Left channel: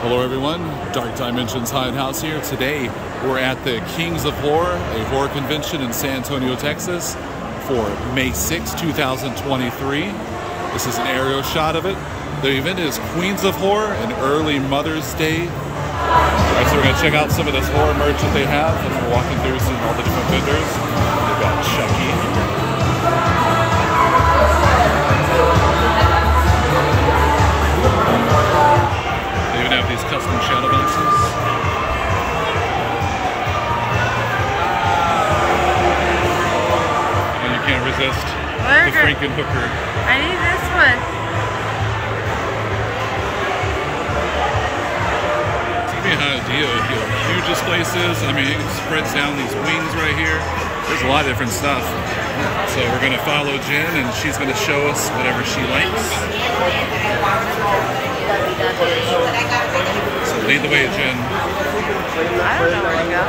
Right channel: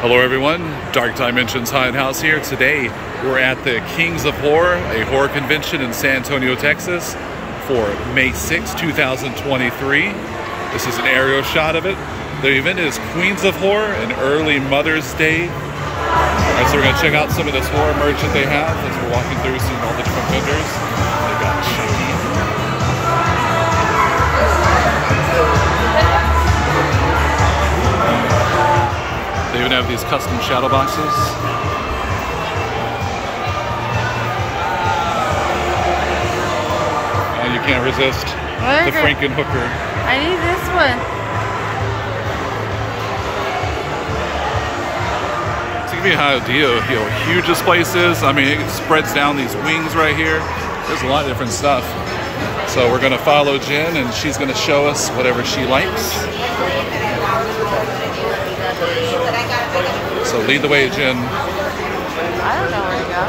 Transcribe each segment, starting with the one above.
Hello everyone, Dark Dimensions Haunted House here. Today we're at the Kings of Horror, a horror convention in San Antonio, Texas for May 6, 2023. This is an aerial shot of it. The event is Queens of Horror, an early Mother's Day. Alright, so we're going to check out some of this horror merch that they have as we're walking through, seeing all the different vendors. They've got Chucky. They even have these custom shadow boxes. Oh, you can't resist the Frankenhooker. I need this one. To give you an idea of how huge this place is, I mean, it spreads down these wings right here. There's a lot of different stuff. So we're going to follow Jen, and she's going to show us whatever she likes. So lead the way, Jen. I don't know where to go.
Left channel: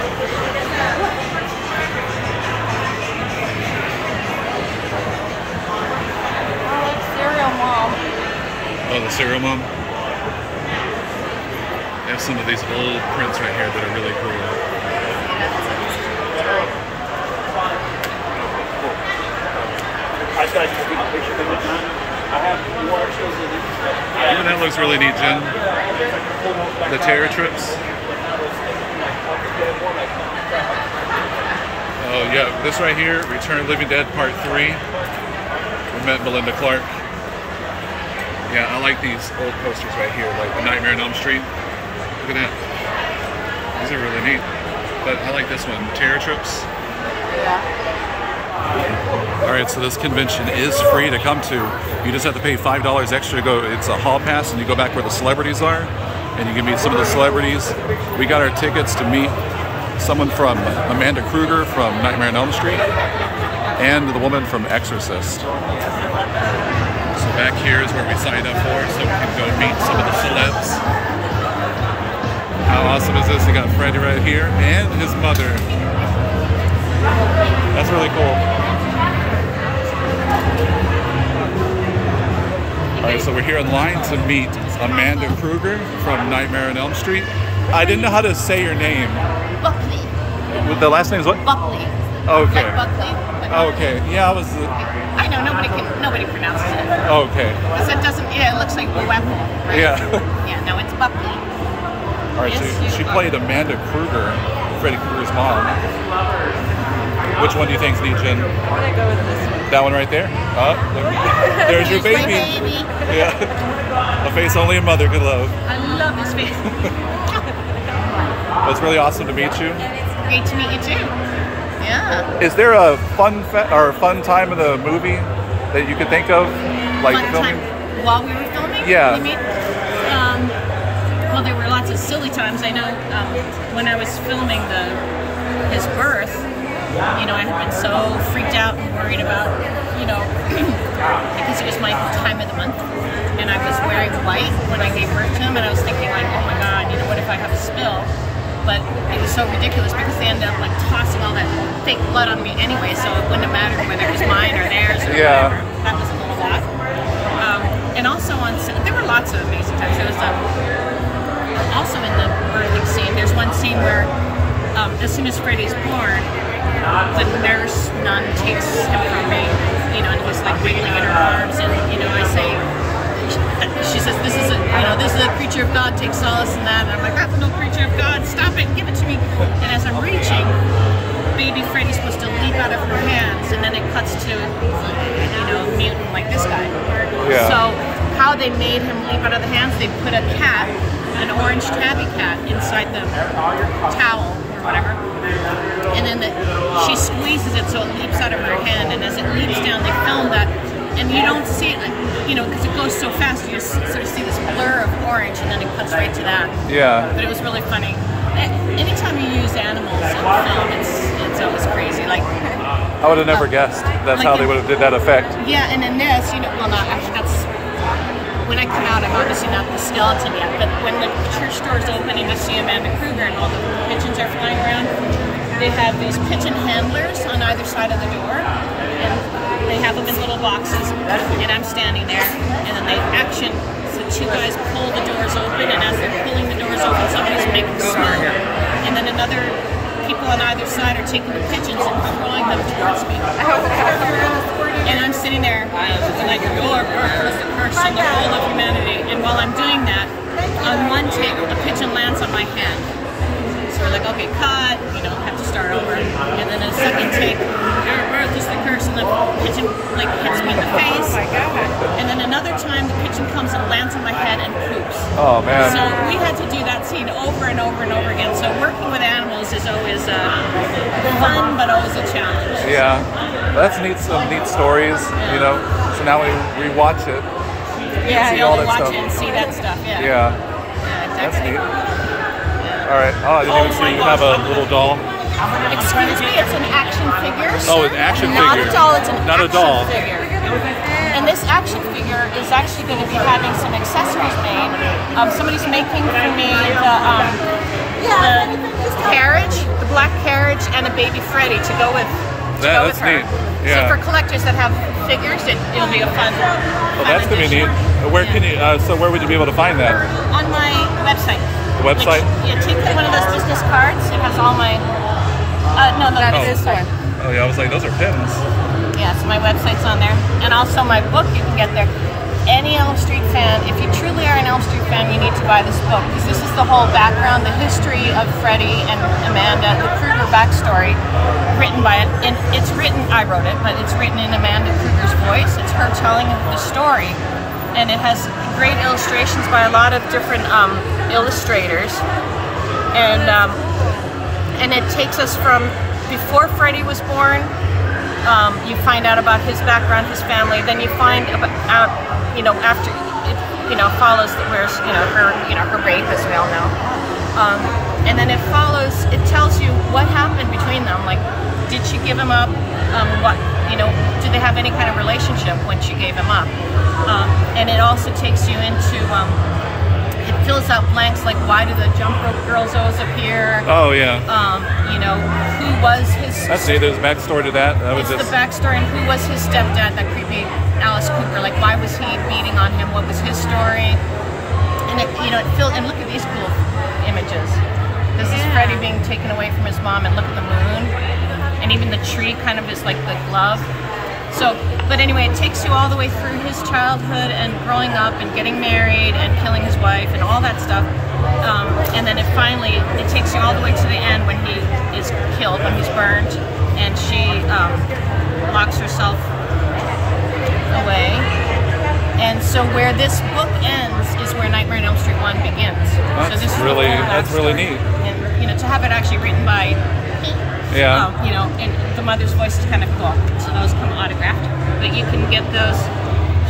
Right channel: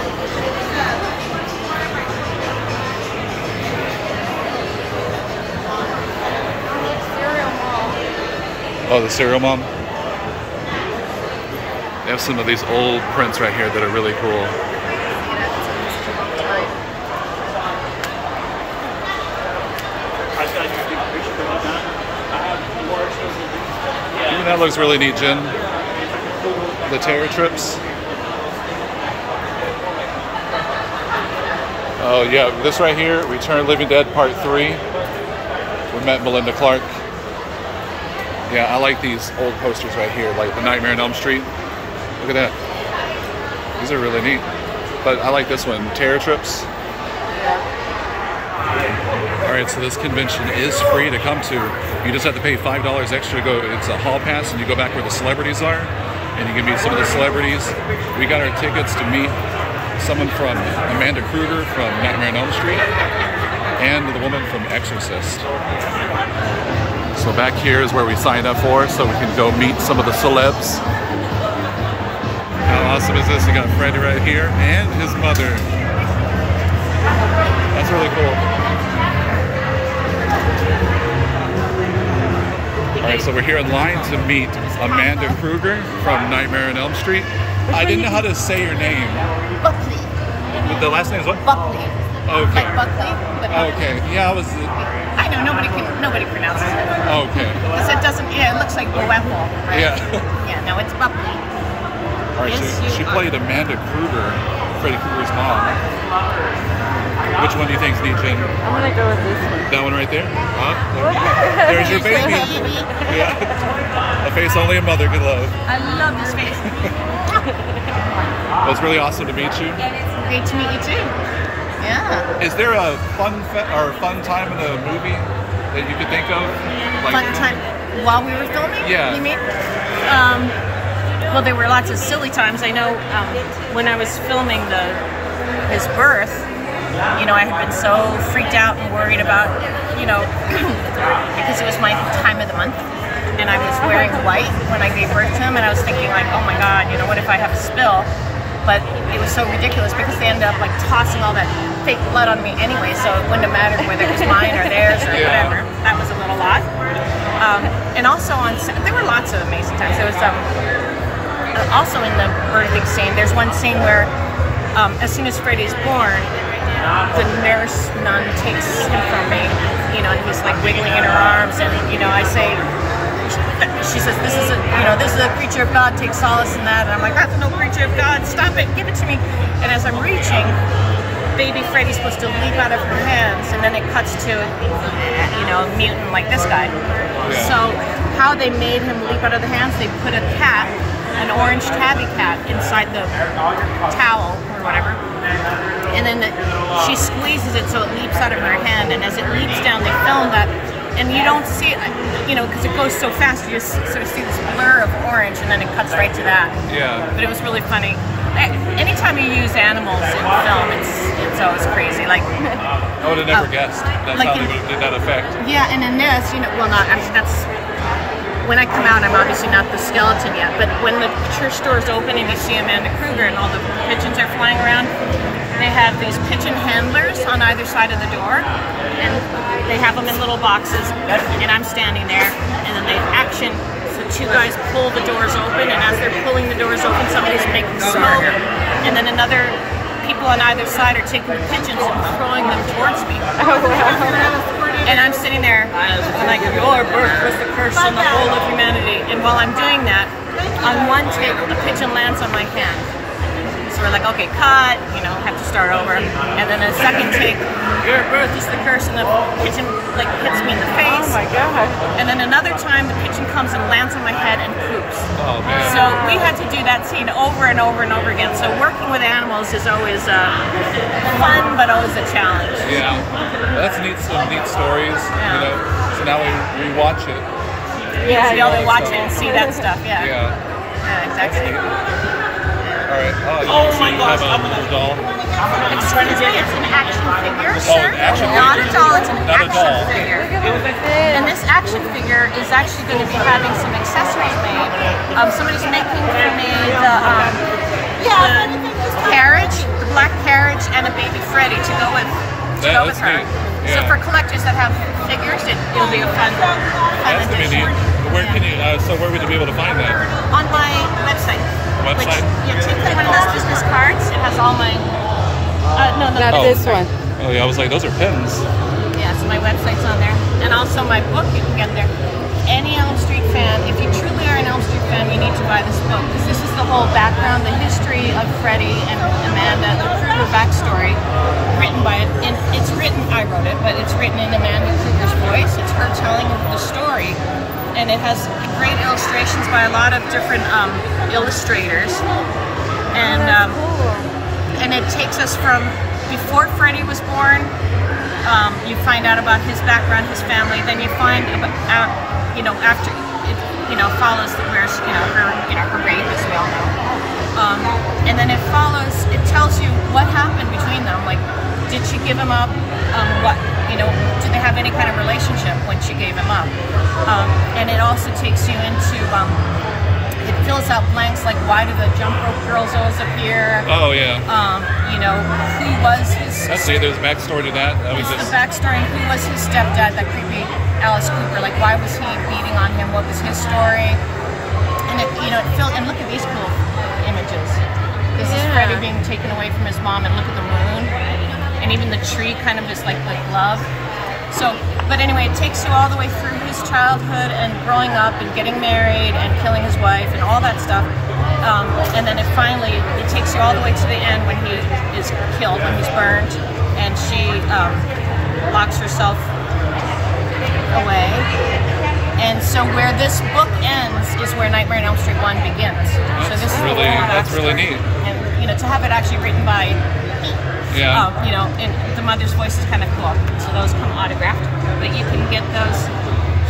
Oh, the Serial Mom. They have some of these old prints right here that are really cool. Even that looks really neat, Jen. The Terror Trips. Oh yeah, this right here, Return of the Living Dead Part 3. We met Melinda Clark. Yeah, I like these old posters right here, like the Nightmare on Elm Street. Look at that. These are really neat. But I like this one, Terror Trips. Alright, so this convention is free to come to. You just have to pay $5 extra to go. It's a hall pass and you go back where the celebrities are. And you can meet some of the celebrities. We got our tickets to meet someone from Amanda Kruger from Nightmare on Elm Street and the woman from Exorcist. So back here is where we signed up for, so we can go meet some of the celebs. How awesome is this? You got Freddy right here and his mother. That's really cool. Alright, so we're here in line to meet Amanda Kruger from Nightmare on Elm Street. I didn't know how to say your name. Buckley. The last name is what? Buckley. Okay. Like Buckley. But okay. Yeah, I was. I know nobody pronounces it. Okay. Because it doesn't. Yeah, it looks like Boepple, right? Yeah. Yeah. No, it's Buckley. All right. Yes, she played Amanda Kruger, Freddy Krueger's mom. Which one do you think's neat, Jen? I'm gonna go with this one. That one right there? Oh, look. There's your baby. Yeah. A face only a mother could love. I love this face. Well, it's really awesome to meet you. Great to meet you too. Yeah. Is there a fun time in the movie that you could think of? Like Fun filming? time while we were filming? Yeah. You mean? Well, there were lots of silly times. I know when I was filming his birth, you know, I had been so freaked out and worried about, you know, because it was my time of the month, and I was wearing white when I gave birth to him, and I was thinking like, oh my God, you know, what if I have a spill? But it was so ridiculous because they ended up like tossing all that fake blood on me anyway, so it wouldn't have mattered whether it was mine or theirs or whatever. That was a little lot. And also there were lots of amazing times. There was also in the birthing scene, there's one scene where as soon as Freddy's born, the nurse nun takes him from me, you know, and he's like wiggling in her arms, and you know, I say, she says, this is a creature of God, take solace in that, and I'm like, that's no creature of God, stop it, give it to me. And as I'm reaching, baby Freddy's supposed to leap out of her hands, and then it cuts to, you know, a mutant like this guy. Yeah. So how they made him leap out of the hands, they put a cat, an orange tabby cat, inside the towel or whatever, and then she squeezes it so it leaps out of her hand, and as it leaps down, they film that, and you don't see it, you know, because it goes so fast, you just sort of see this blur of orange, and then it cuts right to that. Yeah. But it was really funny. Anytime you use animals in film, it's always crazy. Like I would have never guessed that's like how they would have did that effect. Yeah, and in this, you know, well, not, I mean, that's, when I come out, I'm obviously not the skeleton yet, but when the church doors open and you see Amanda Kruger and all the pigeons are flying around, they have these pigeon handlers on either side of the door, and they have them in little boxes, and I'm standing there, and then they action two guys pull the doors open, and as they're pulling the doors open, somebody's making smoke, and then another people on either side are taking the pigeons and throwing them towards me. And I'm sitting there, and I'm like, your birth was the curse on the whole of humanity. And while I'm doing that, on one take, a pigeon lands on my hand. So we're like, okay, cut, you know, have to start over. And then a second take, your birth is the curse, and the pigeon like hits me in the face. Oh my God. And then another time, the pigeon comes and lands on my head and poops. Oh man. So we had to do that scene over and over and over again. So working with animals is always fun, but always a challenge. Yeah, that's neat. Some neat stories, you know. So now we rewatch it. You'll be able to watch it and see that stuff. Yeah. Yeah. Yeah, exactly. That's neat. All right. Oh, I didn't even see you have a little doll. Excuse me, it's an action figure. Oh, an action figure. Not a doll, it's an Not action a doll. figure. And this action figure is actually going to be having some accessories made. Somebody's making for me the carriage, the black carriage, and a baby Freddy to go with That's her. neat. Yeah. So for collectors that have figures, it'll be a fun. Well, that's gonna be neat. Where can you? So where would you be able to find that? On my website. The website? Which, take one of those business cards. It has all my. No, this one. Oh yeah, I was like, those are pins. Yeah, so my website's on there, and also my book you can get there. Any Elm Street fan, if you truly are an Elm Street fan, you need to buy this book because this is the whole background, the history of Freddie and Amanda, the Kruger backstory, written by it. And it's written, I wrote it, but it's written in Amanda Kruger's voice. It's her telling the story, and it has great illustrations by a lot of different illustrators, and it takes us from before Freddie was born. You find out about his background, his family. Then you find out, you know, after it, you know, follows that where's her rape, as we all know, and then it follows. It tells you what happened between them. Like, did she give him up? What, you know, did they have any kind of relationship when she gave him up? And it also takes you into, it fills out blanks like, why do the jump rope girls always appear? Oh yeah. You know, who was his... That's neat. There's a backstory to that. That was just the backstory, and who was his stepdad, that creepy Alice Cooper. Like, why was he beating on him? What was his story? And it, you know, it filled, and look at these cool images. This is Freddie being taken away from his mom, and look at the moon. And even the tree kind of is like the glove. So, but anyway, it takes you all the way through his childhood and growing up and getting married and killing his wife and all that stuff. And then it takes you all the way to the end when he is killed, when he's burned, and she locks herself away. And so where this book ends is where Nightmare on Elm Street 1 begins. So this is really, that's really neat. And, you know, to have it actually written by yeah. you know, and the mother's voice is kind of cool. So those come autographed, but you can get those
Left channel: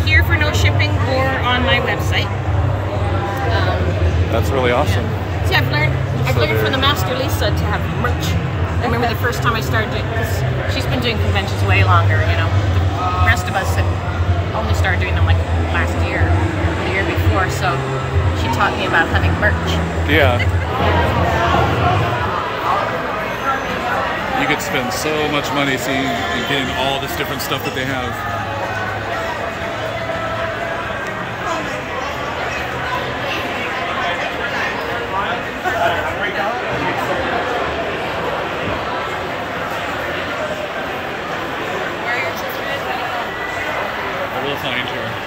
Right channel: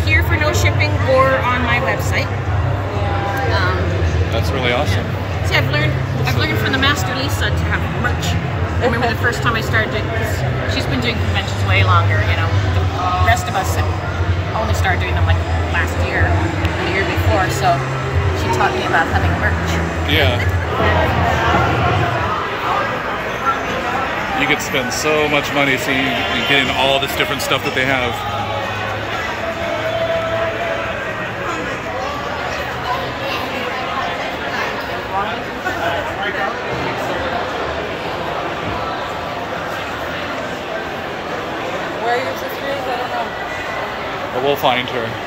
here for no shipping or on my website. That's really awesome. See, I've learned from the master Lisa to have merch. I remember the first time I started it, she's been doing conventions way longer. You know, the rest of us had only started doing them like last year or the year before. So she taught me about having merch. Yeah. You could spend so much money seeing and getting all this different stuff that they have. But we'll find her.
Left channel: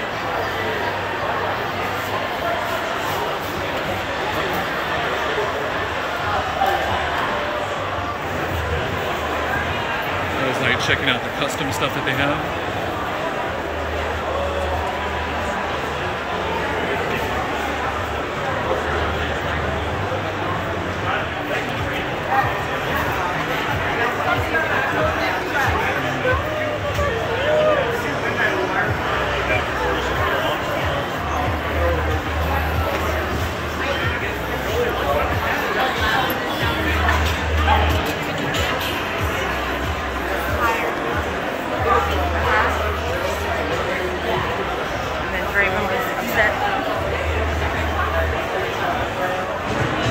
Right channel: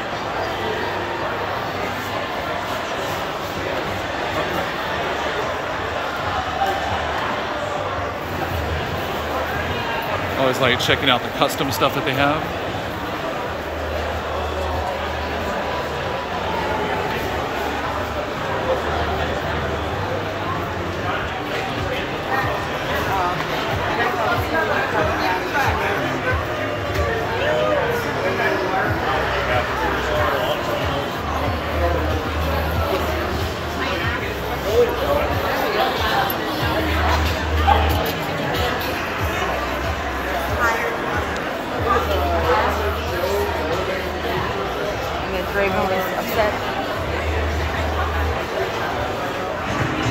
I was like checking out the custom stuff that they have.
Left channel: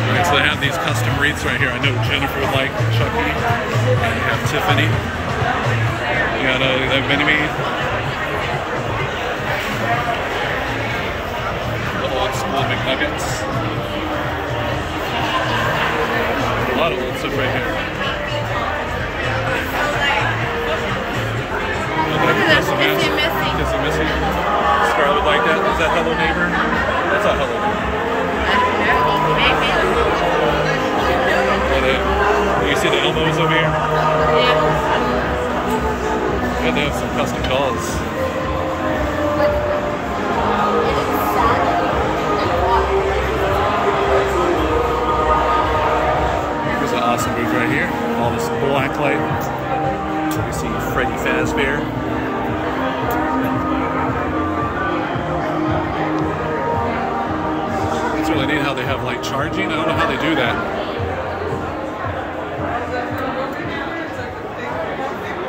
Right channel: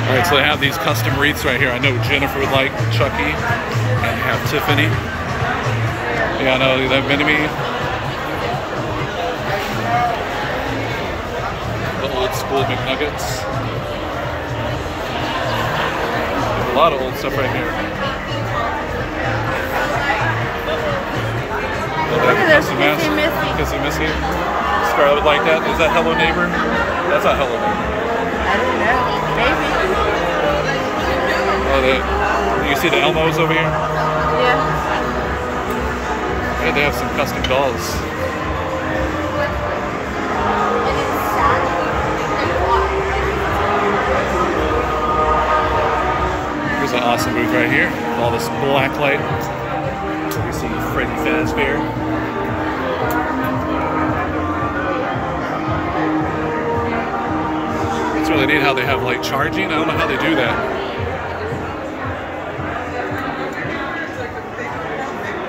Alright, so they have these custom wreaths right here. I know Jennifer would like Chucky, and you have Tiffany. Yeah, I know that Minnie. The old school McNuggets. There's a lot of old stuff right here. Oh, they have the custom mask. Kissy Missy. Scarlett would like that. Is that Hello Neighbor? That's not Hello Neighbor. Oh, you see the Elmos over here? Yeah. Yeah, they have some custom dolls. Here's an awesome booth right here. All this black light. You see Freddy Fazbear. It's really neat how they have like charging. I don't know how they do that.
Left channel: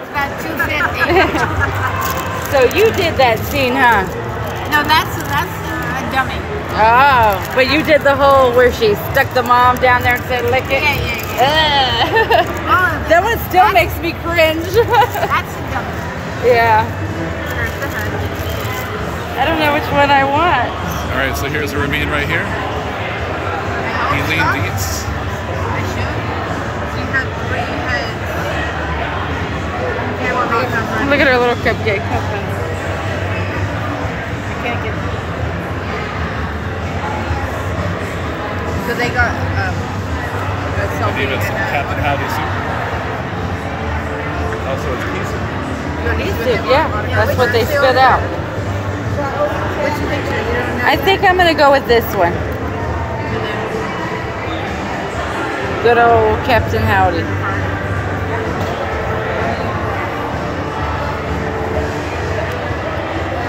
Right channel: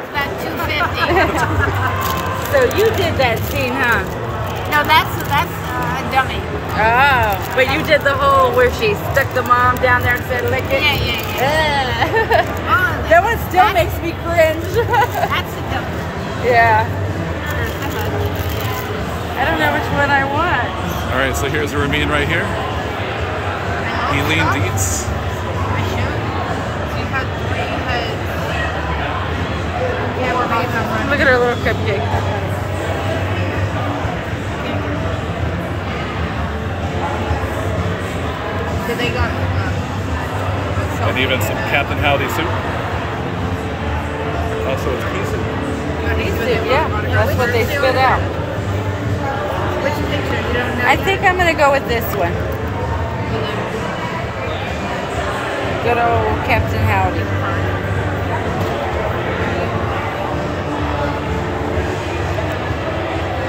About $2.50. So you did that scene, huh? No, that's a dummy. Oh, but you did the whole where she stuck the mom down there and said, lick it? Yeah. Oh, That one still makes me cringe. that's a dummy. Yeah. I don't know which one I want. All right, so here's Ramin right here. Eileen Dietz. Look at her little cupcake. So they got And even some Captain Howdy soup. Oh, so it's pea soup. yeah. That's what they spit out. Which picture? You don't know? I think I'm gonna go with this one. Good old Captain Howdy.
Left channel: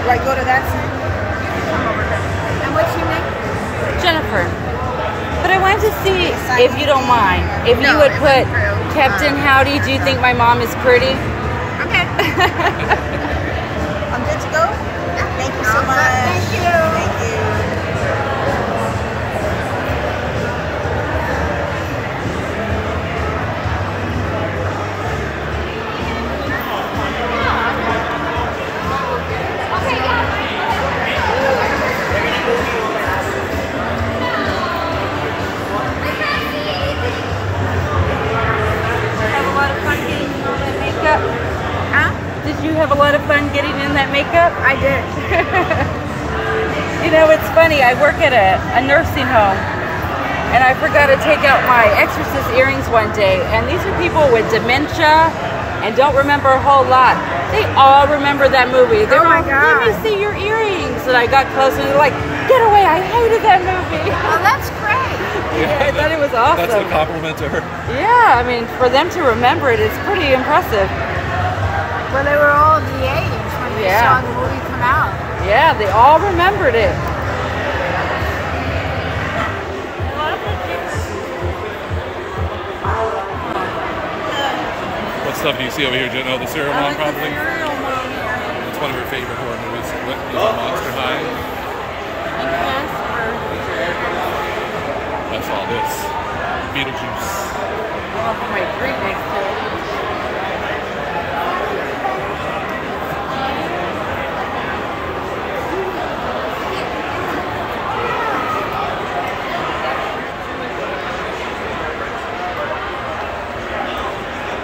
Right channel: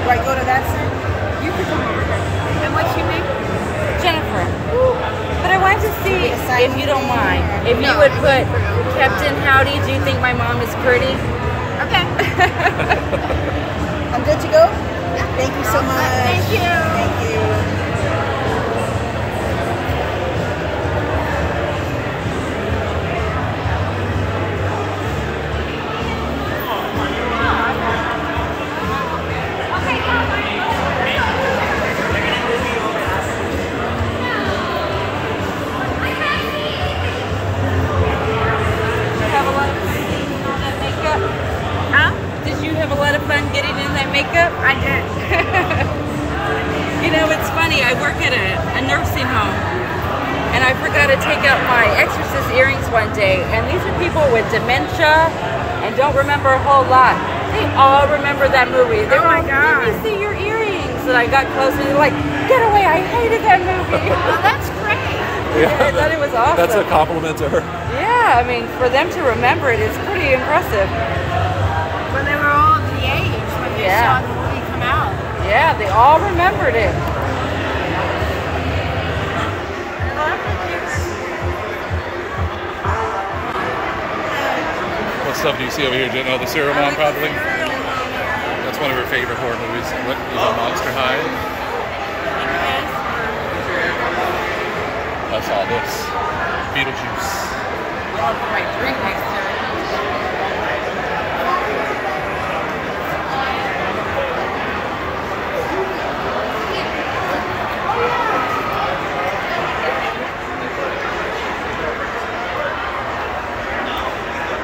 Do I go to that scene? You can come over here. And what's your name? Jennifer. But I wanted to see, if you don't mind, if you would put Captain Howdy, do you think my mom is pretty? Okay. I'm good to go? Yeah. Thank you so much. Thank you. Did you have a lot of fun getting in that makeup? I did. You know, it's funny. I work at a nursing home, and I forgot to take out my Exorcist earrings one day. And these are people with dementia and don't remember a whole lot. They all remember that movie. Oh my God. Let me see your earrings. And I got close and they're like, get away, I hated that movie. Oh, that's great. Yeah, I thought it was awesome. That's a compliment to her. Yeah, I mean, for them to remember it is pretty impressive. Well, they were all of the age when they saw the movie come out. Yeah, they all remembered it. What stuff do you see over here, Jen? Oh, the Serial Mom, probably? That's one of her favorite horror movies. What, even Monster High? I saw this. Beetlejuice. My drink next to it.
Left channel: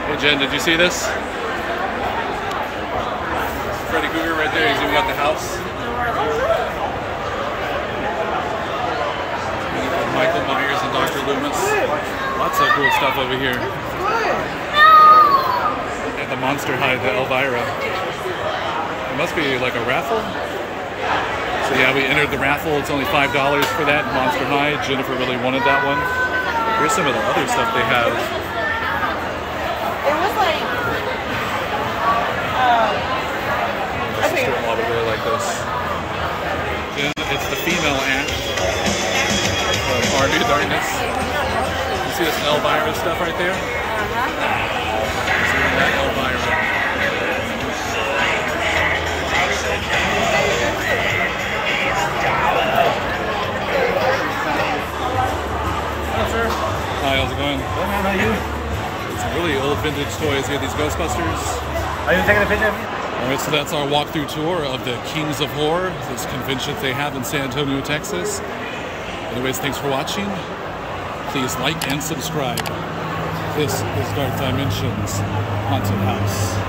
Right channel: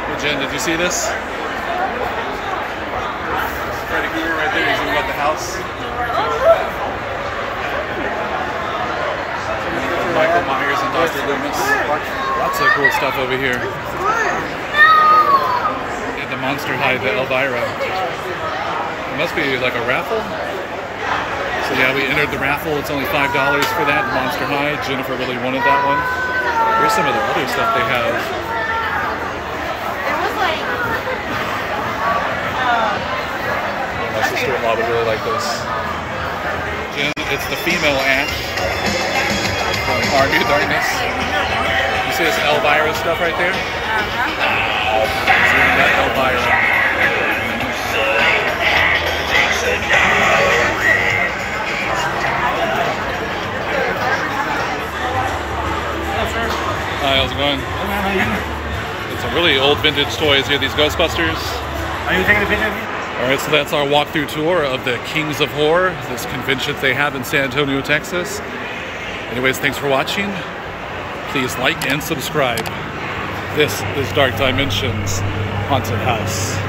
Hey, Jen, did you see this? Freddy Krueger right there. He's even got the house. And Michael Myers and Dr. Loomis. Lots of cool stuff over here. And the Monster High, the Elvira. It must be like a raffle. So yeah, we entered the raffle. It's only $5 for that. Monster High. Jennifer really wanted that one. Here's some of the other stuff they have. My sister-in-law would really like this. Jen, it's the female Ash from Army of Darkness. You see this Elvira stuff right there? See that Elvira. Hello, sir. Hi, how's it going? Hey, man, how are you? It's some really old vintage toys here, these Ghostbusters. Are you taking a picture of me? Alright, so that's our walkthrough tour of the Kings of Horror, this convention they have in San Antonio, Texas. Anyways, thanks for watching. Please like and subscribe. This is Dark Dimensions Haunted House.